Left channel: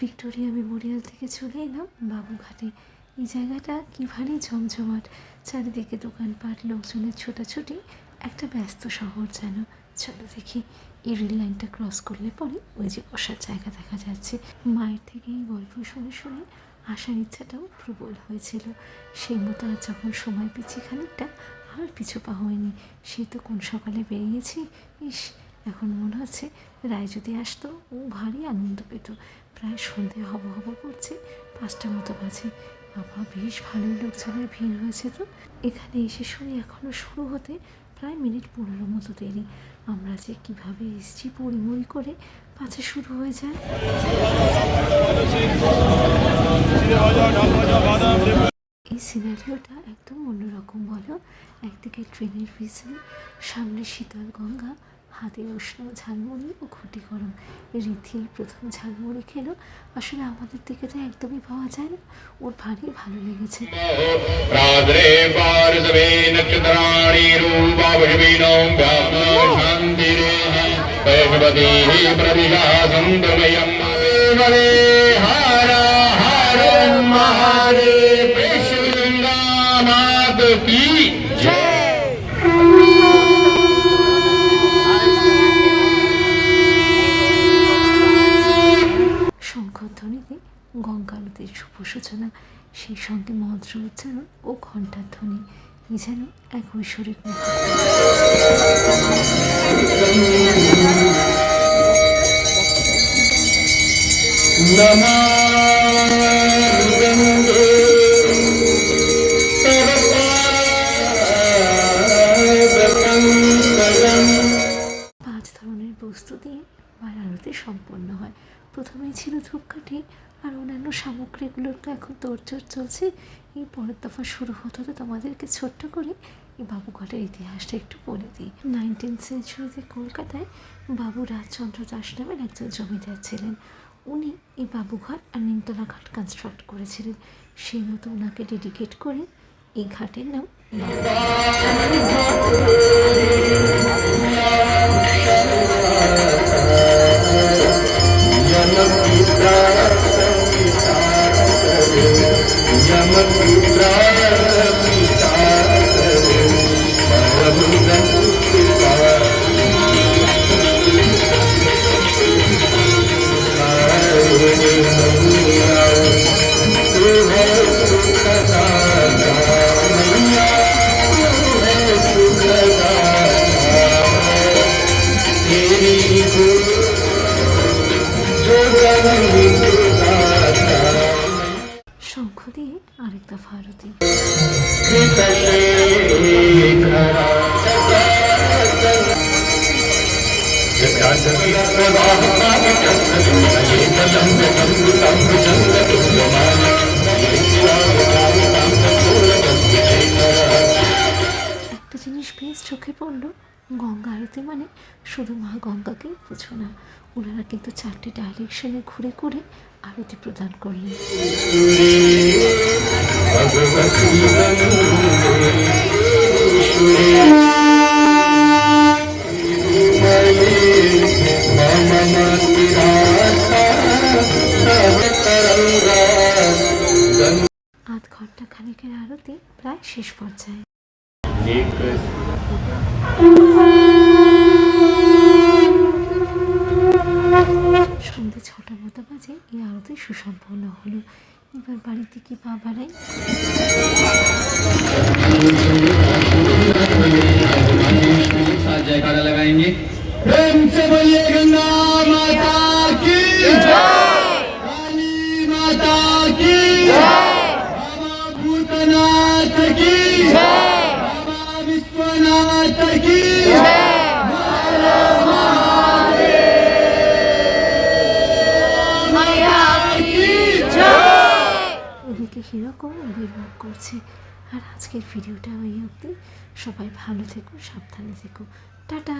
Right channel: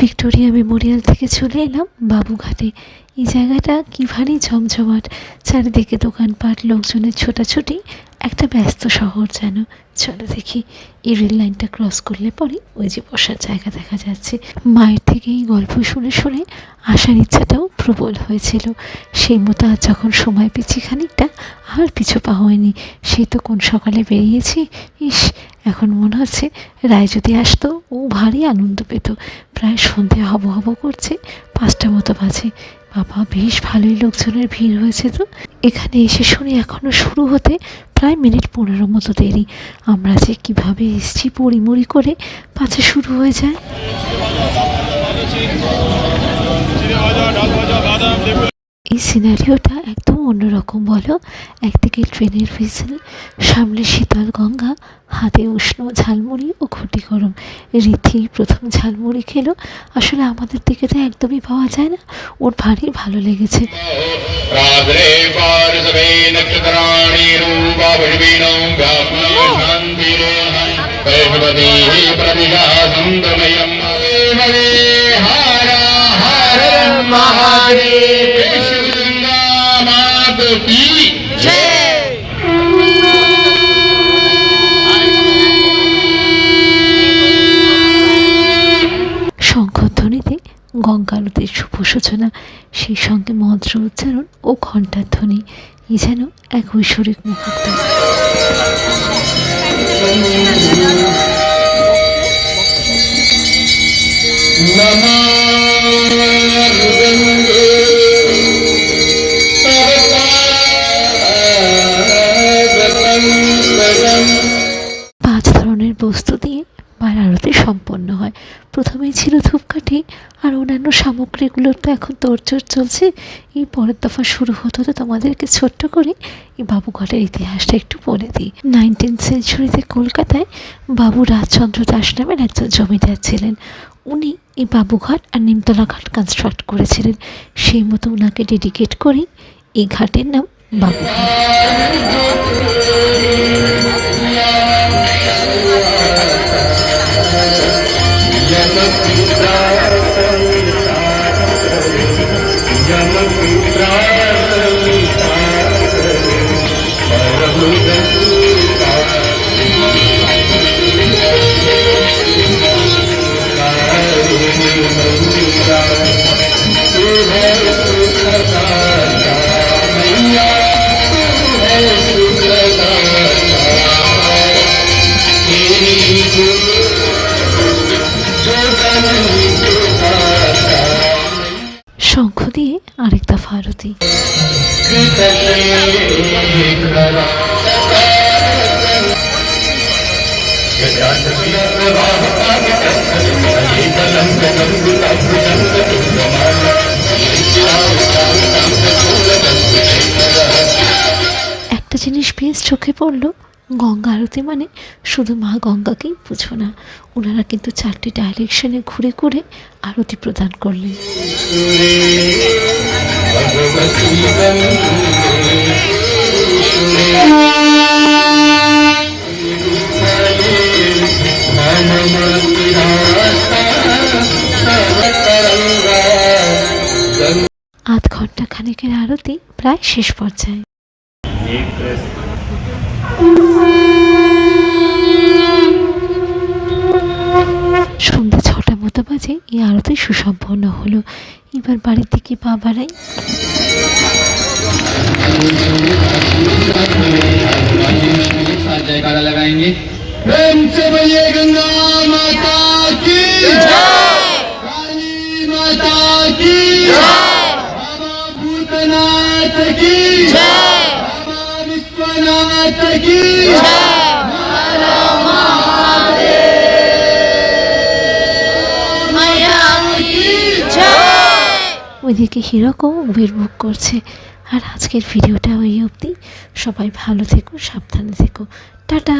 Victoria Memorial থেকে চলে এলাম বাবুঘাটে। এই জায়গাটা কি ভারী ঝমঝমাট, চারিদিকে দোকানপাট, লোকজনের ছোটাছুটি, একটা ব্যস্ত শহর যেন। চলো দেখি, এই রেল লাইনটা ক্রস করলে পরে ওই যে বসার জায়গা দেখা যাচ্ছে। মায়ের থেকে এই গল্প শুনে শুনে আসার ইচ্ছাটাও প্রবল হয়েছিল। সেই মতো আজ যখন সময় পেয়েছি খানিকটা, আর পিছু পা হয়নি। সেই তো কোন সকালে বেরিয়েছি, ইস এখন মনে হচ্ছে রায় যদি আসতো ও ভারী আনন্দ পেত। প্রায় সন্ধে হব হব করছে, 5টা মতো বাজে। বাবা বেশ ভালোই লোকজনের ভিড় হয়েছে তো। এখানে এসে শুনি এখনও শুরু হতে প্রায় মিনিট 15 মতো দেরি। আমরা যে কীভাবে এসছি পড়িমড়ি করে, পাছে শুরু হয়ে যায়। এই সিনারিওটা একদম অন্যরকম বলো। একদিকে ট্রেনের হুইসেল, সামনে শীতল গঙ্গা, হাতে উষ্ণ ঝালমুড়ি ও ঘটি গরম। রীতি প্রথম ঝালমুড়ি খেলো, আসলে আমাদের দিকে তো একদমই পাওয়া যায় না। ওর ভারী ভালো লেগেছে। শঙ্খধ্বনিতে গঙ্গারতির শুভ সূচনা, সেই সঙ্গে মন্ত্র উচ্চারণ ও ঘণ্টার ধ্বনি, এই যেন এক ঐশ্বরিক মুহূর্ত। বস্তু দিয়ে মায়ের আরতি সম্পন্ন হয়। প্রথমেই ছিল ধূপকাঠি আর অন্যান্য সামগ্রীগুলোর তো এখন তোড়জোড় চলছে। এই পরের দফা শুরু হতে হতে তোমাদেরকে ছোট্ট করে এই বাবুঘাটের ইতিহাসটা একটু বলে দিই। 19th সেঞ্চুরিতে কলকাতায় বাবু রাজচন্দ্র দাস নামের একজন জমিদার ছিলেন। উনি এই বাবুঘাট আর নিমতলা ঘাট কনস্ট্রাক্ট করেছিলেন। সেই মতো ওনাকে ডেডিকেট করেই এই ঘাটের নাম বাবুঘাট। শঙ্খ দিয়ে আরেক দফা আরতি। একটা জিনিস বেশ চোখে পড়লো, গঙ্গা আরতি মানে শুধু মা গঙ্গাকেই বুঝো না, ওনারা কিন্তু 4টে ডাইরেকশনে ঘুরে ঘুরে আরতি প্রদান করলেন। আধ ঘন্টা খানিকের আরতি প্রায় শেষ পর্যায়ে। সন্ধ্যে 6টা মতো বাজে এই আরতি সুসম্পন্ন হলো। এবার বাড়ির দিকে পা বাড়াই। जयकारा लगाएंगे। प्रेम से बोलिए गंगा माता की जय, काली माता की जय, बाबा भूतनाथ की जय, बाबा विश्वनाथ की जय, हर महादेव मैया की जय। ওইদিকে হিরকও উবের বুক করছে। আর আজকের ভিডিওটা ওই অবধি। সবাই ভালো থেকো, সাবধানে থেকো, টাটা।